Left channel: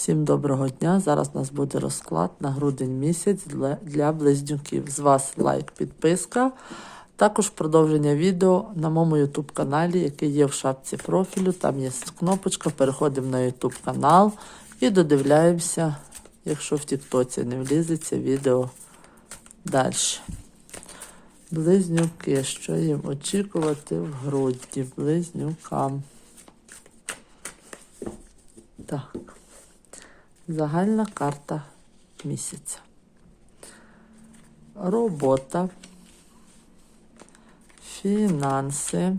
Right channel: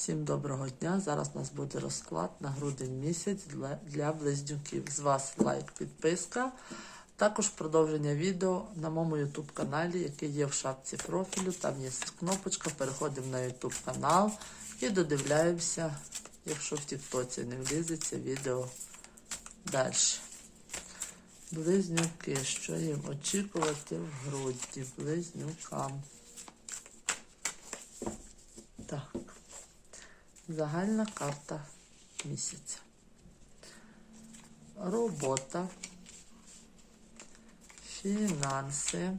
Всім доброго дня! Зараз у нас буде розклад на грудень місяць для- близнюків. З вас лайк, підписка. Також продовження відео на моєму YouTube каналі, який є в шапці профілю. Там є кнопочка. Переходимо на YouTube канал і додивляємося, якщо в Тіктоці не влізеться відео далі. Близнюки, що їм очікувати в грудні близнюкам. Так. Загальна карта місяця. Робота, фінанси,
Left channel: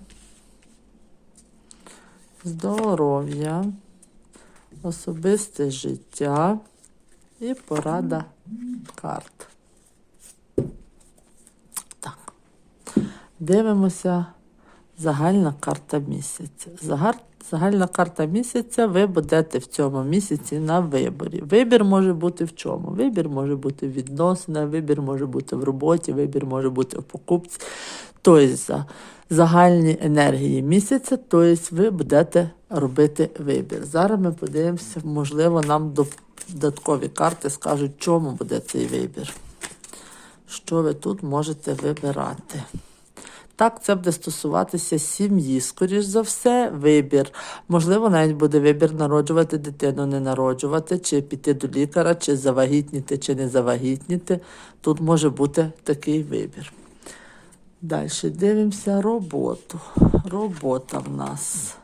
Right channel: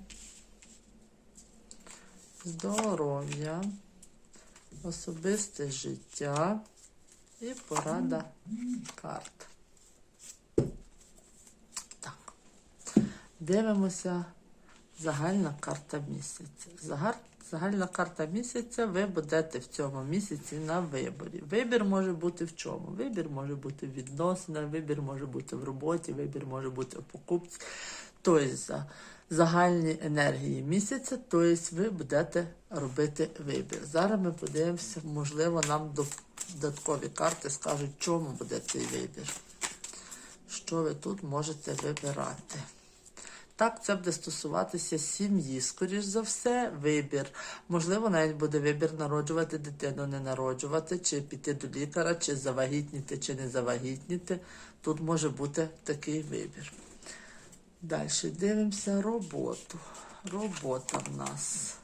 здоров'я, особисте життя і порада карт. Так. Дивимося загальна карта місяця. Загар... Загальна карта місяця, ви будете в цьому місяці на виборі. Вибір може бути в чому? Вибір може бути в відносинах, вибір може бути в роботі, вибір може бути в покупці. Тобто загальні енергії місяця, тобто ви будете робити вибір. Зараз ми подивимося, можливо, нам додаткові карти скажуть, чому буде цей вибір. Що ви тут можете вибирати? Так, це буде стосуватися сім'ї, скоріш за все, вибір. Можливо, навіть буде вибір народжувати дитину, не народжувати, чи піти до лікаря, чи завагітніти, чи не завагітніти. Тут може бути такий вибір. Далі дивимося роботу. Робота в нас.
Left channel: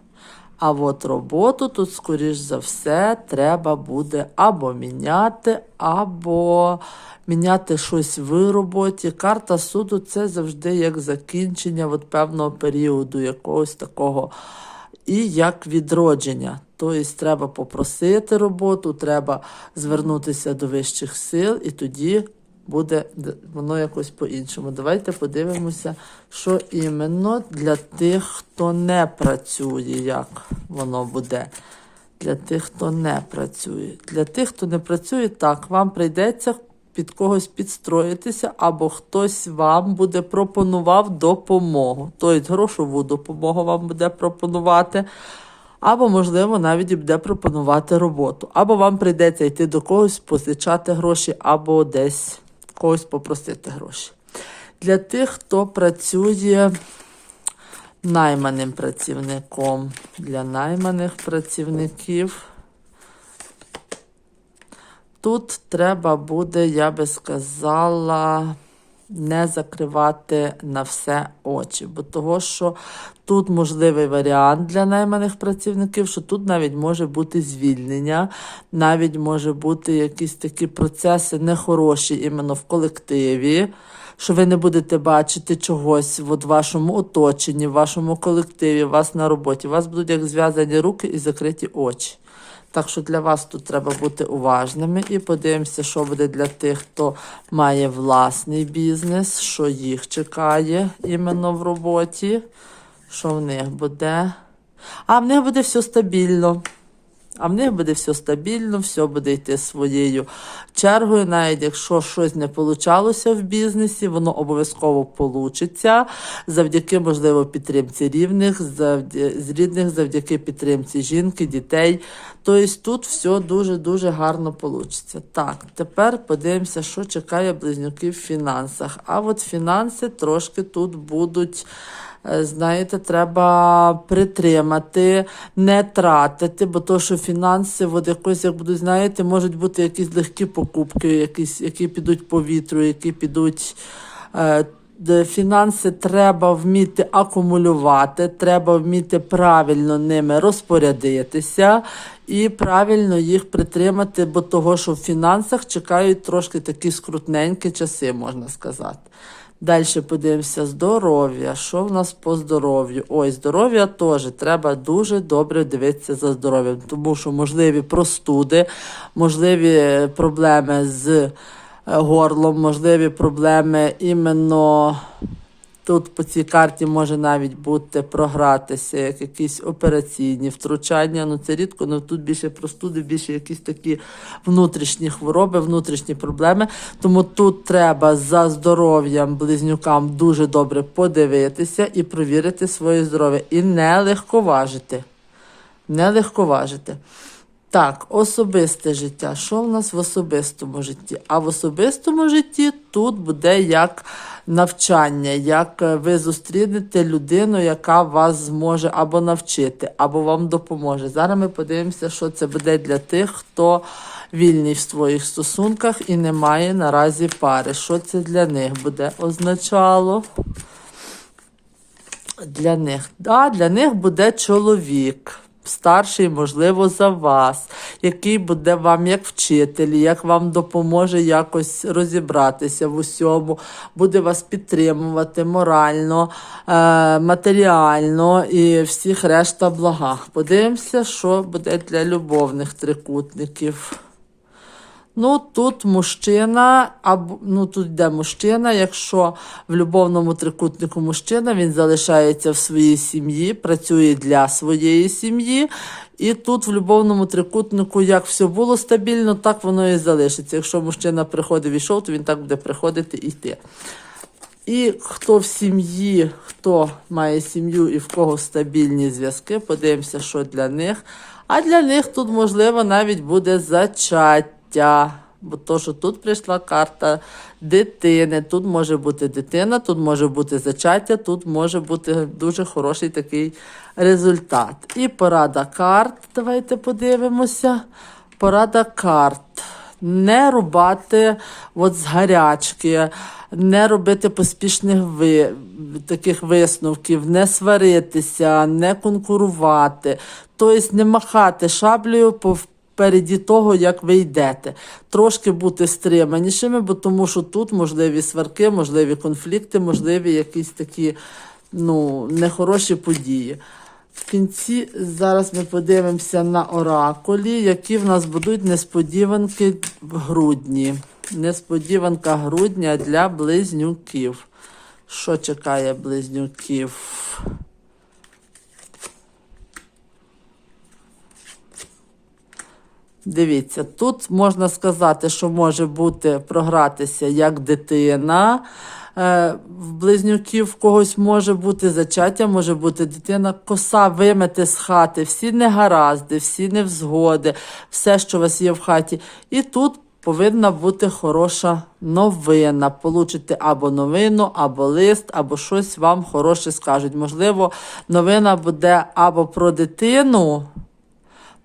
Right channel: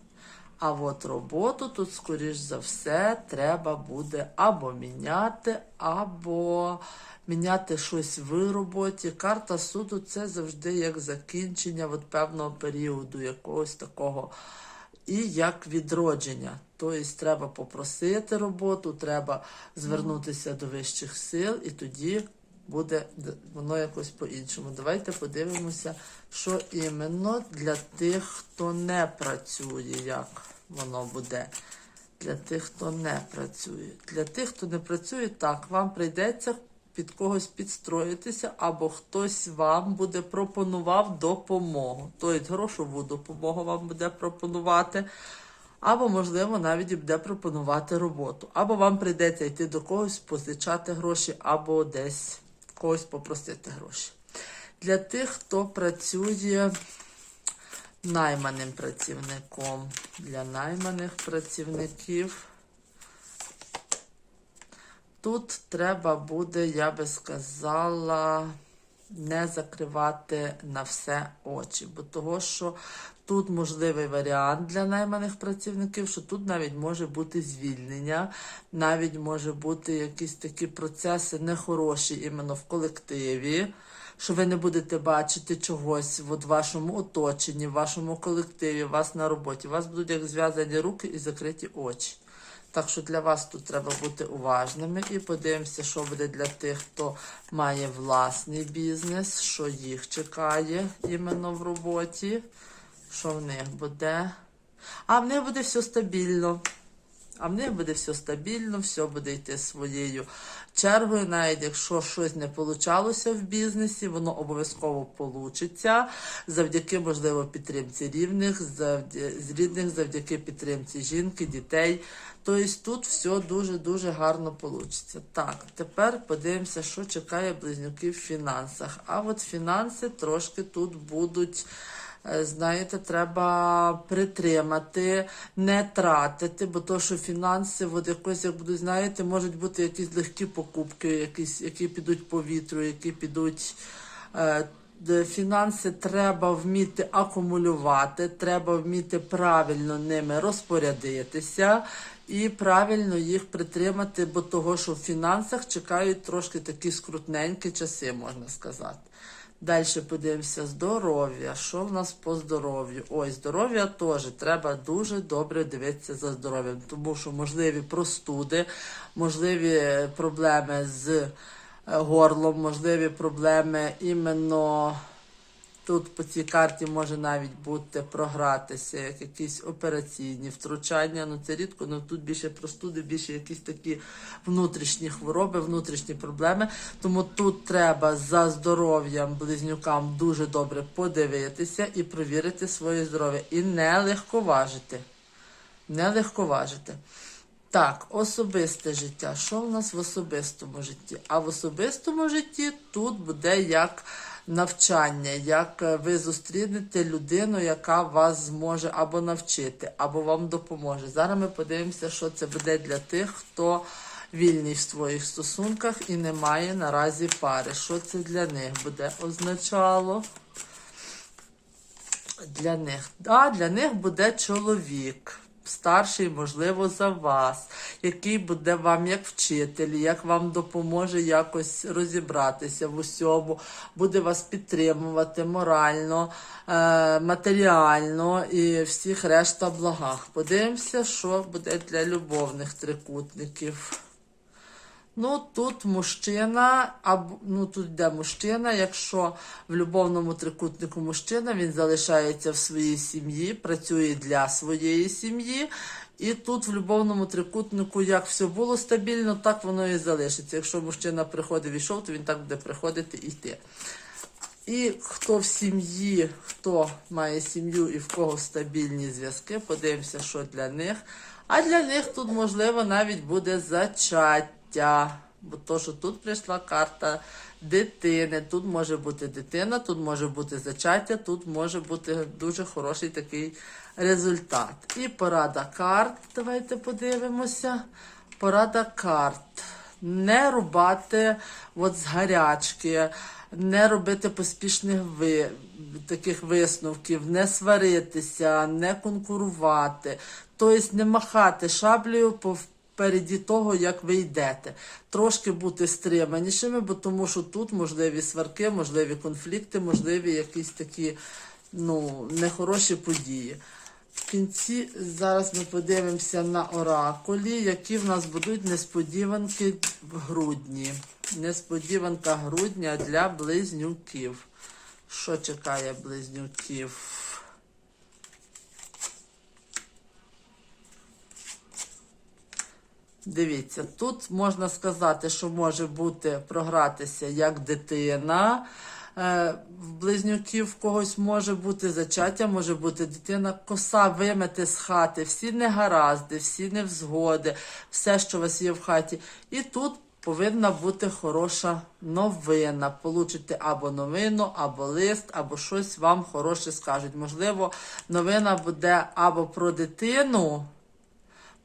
А от роботу тут, скоріш за все, треба буде або міняти, або міняти щось в роботі. Карта суду це завжди як закінчення от певного періоду, якогось такого, і як відродження. Тобто треба попросити роботу, треба звернутися до вищих сил, і тоді буде воно якось по-іншому. Давайте подивимося, що іменно для тих, хто не працює, як воно буде. Для тих, хто не працює. Для тих, хто не працює, так, вам прийдеться під когось підстроїтися, або хтось вам буде пропонував допомогу. Тобто грошову допомогу вам буде пропонувати. Або, можливо, навіть і буде пропонувати роботу. Або вам прийдеться йти до когось, позичати гроші, або десь когось попросити гроші. Для тих, хто працює найманим працівником, для найманих працівників. Тут треба буде, я би сказала, не закривати на все очі, бо того, що тут можливий варіант для найманих працівників, що тут навіть може бути звільнення, навіть може бути якісь такі процеси нехороші іменно в колективі. Що ви не будете бачити чогось в вашому оточенні, в вашому колективі, у вас на роботі. У вас будуть як зв'язані руки і закриті очі. Так що для вас тут треба бути уважними і подивимося, що буде для тих, хто має власний бізнес, що їх чекає іменно в роботі, що в них буде. А в них буде все стабільно. А в них буде все стабільно, все буде йти своєю чергою. Навіть якщо щось не получалося в бізнесі, воно обов'язково получиться завдяки, можливо, підтримці рівних, з рідних, завдяки підтримці жінки, дітей. Тобто тут все дуже-дуже гарно получиться. Так, тепер подивимося, що чекає близнюків в фінансах. А от фінанси трошки тут будуть. Е, Знаєте, треба притримати, не тратити, бо то, що фінанси, от якось як будуть, знаєте, можуть бути якісь легкі покупки, якісь, які підуть по вітру, які підуть. Е, фінанси треба вміти акумулювати, треба вміти правильно ними розпорядитися і правильно їх притримати, бо того, що в фінансах чекають трошки такі скрутненькі часи, можна сказати. Далі подивимося здоров'я. Що в нас по здоров'ю? Ой, здоров'я теж треба дуже добре дивитися за здоров'ям, тому що можливі простуди, можливі проблеми з е, горлом, можливі проблеми іменно тут по цій карті може навіть бути програтися, як якісь операційні втручання. Ну це рідко, але тут більше простуди, більше якісь такі внутрішні хвороби, внутрішні проблеми. Тому тут треба за здоров'ям близнюкам дуже добре подивитися і провірити своє здоров'я. І не легковажити. Не легковажити. Так, особисте життя. Що в нас в особистому житті? А в особистому житті тут буде як навчання, як е, ви зустрінете людину, яка вас зможе або навчити, або вам допоможе. Зараз ми подивимося, що це буде для тих, хто вільний в своїх стосунках і не має наразі пари. Що це для них буде означало? Для них. Да, для них буде чоловік. Старший, можливо, за вас, який буде вам як вчитель, як вам допоможе якось розібратися в усьому, буде вас підтримувати морально, е, матеріально і всіх решта благах. Подивимося, що буде для любовних трикутників. Ну, тут мужчина, або ну тут йде мужчина. Якщо в любовному трикутнику мужчина, він залишається в своїй сім'ї, працює для своєї сім'ї. І тут в любовному трикутнику, як все було стабільно, так воно і залишиться. Якщо мужчина приходив і йшов, то він так буде приходити і йти. І хто в сім'ї, хто має сім'ю і в кого стабільні зв'язки, подивимося, що для них. А для них тут, можливо, навіть буде зачаття. Бо то, що тут прийшла карта дитини, тут може бути дитина, тут може бути зачаття, тут може бути дуже хороший такий результат. І порада карт. Давайте подивимося. Порада карт. Не рубати от з гарячки, не робити поспішних ви, таких висновків, не сваритися, не конкурувати, тобто не махати шаблею попереді того, як ви йдете. Трошки бути стриманішими, бо тому що тут можливі сварки, можливі конфлікти, можливі якісь такі ну, нехороші події. В кінці зараз ми подивимося на оракулі, які в нас будуть несподіванки в грудні. Несподіванка грудня для близнюків. Що чекає близнюків? Дивіться, тут можна сказати, що може бути програтися як дитина. Е, В близнюків когось може бути зачаття, може бути дитина, коса вимете з хати, всі негаразди, всі невзгоди, все, що у вас є в хаті. І тут повинна бути хороша новина. Получите або новину, або лист, або щось вам хороше скажуть. Можливо, новина буде або про дитину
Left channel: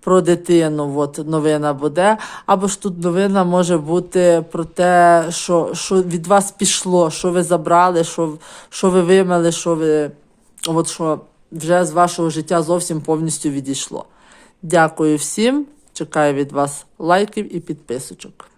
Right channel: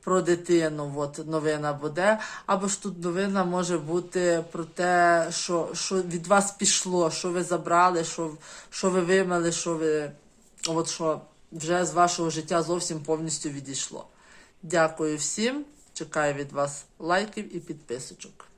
про дитину, от новина буде. Або ж тут новина може бути про те, що що від вас пішло, що ви забрали, що що ви вимили, що ви от що вже з вашого життя зовсім повністю відійшло. Дякую всім. Чекаю від вас лайків і підписочок.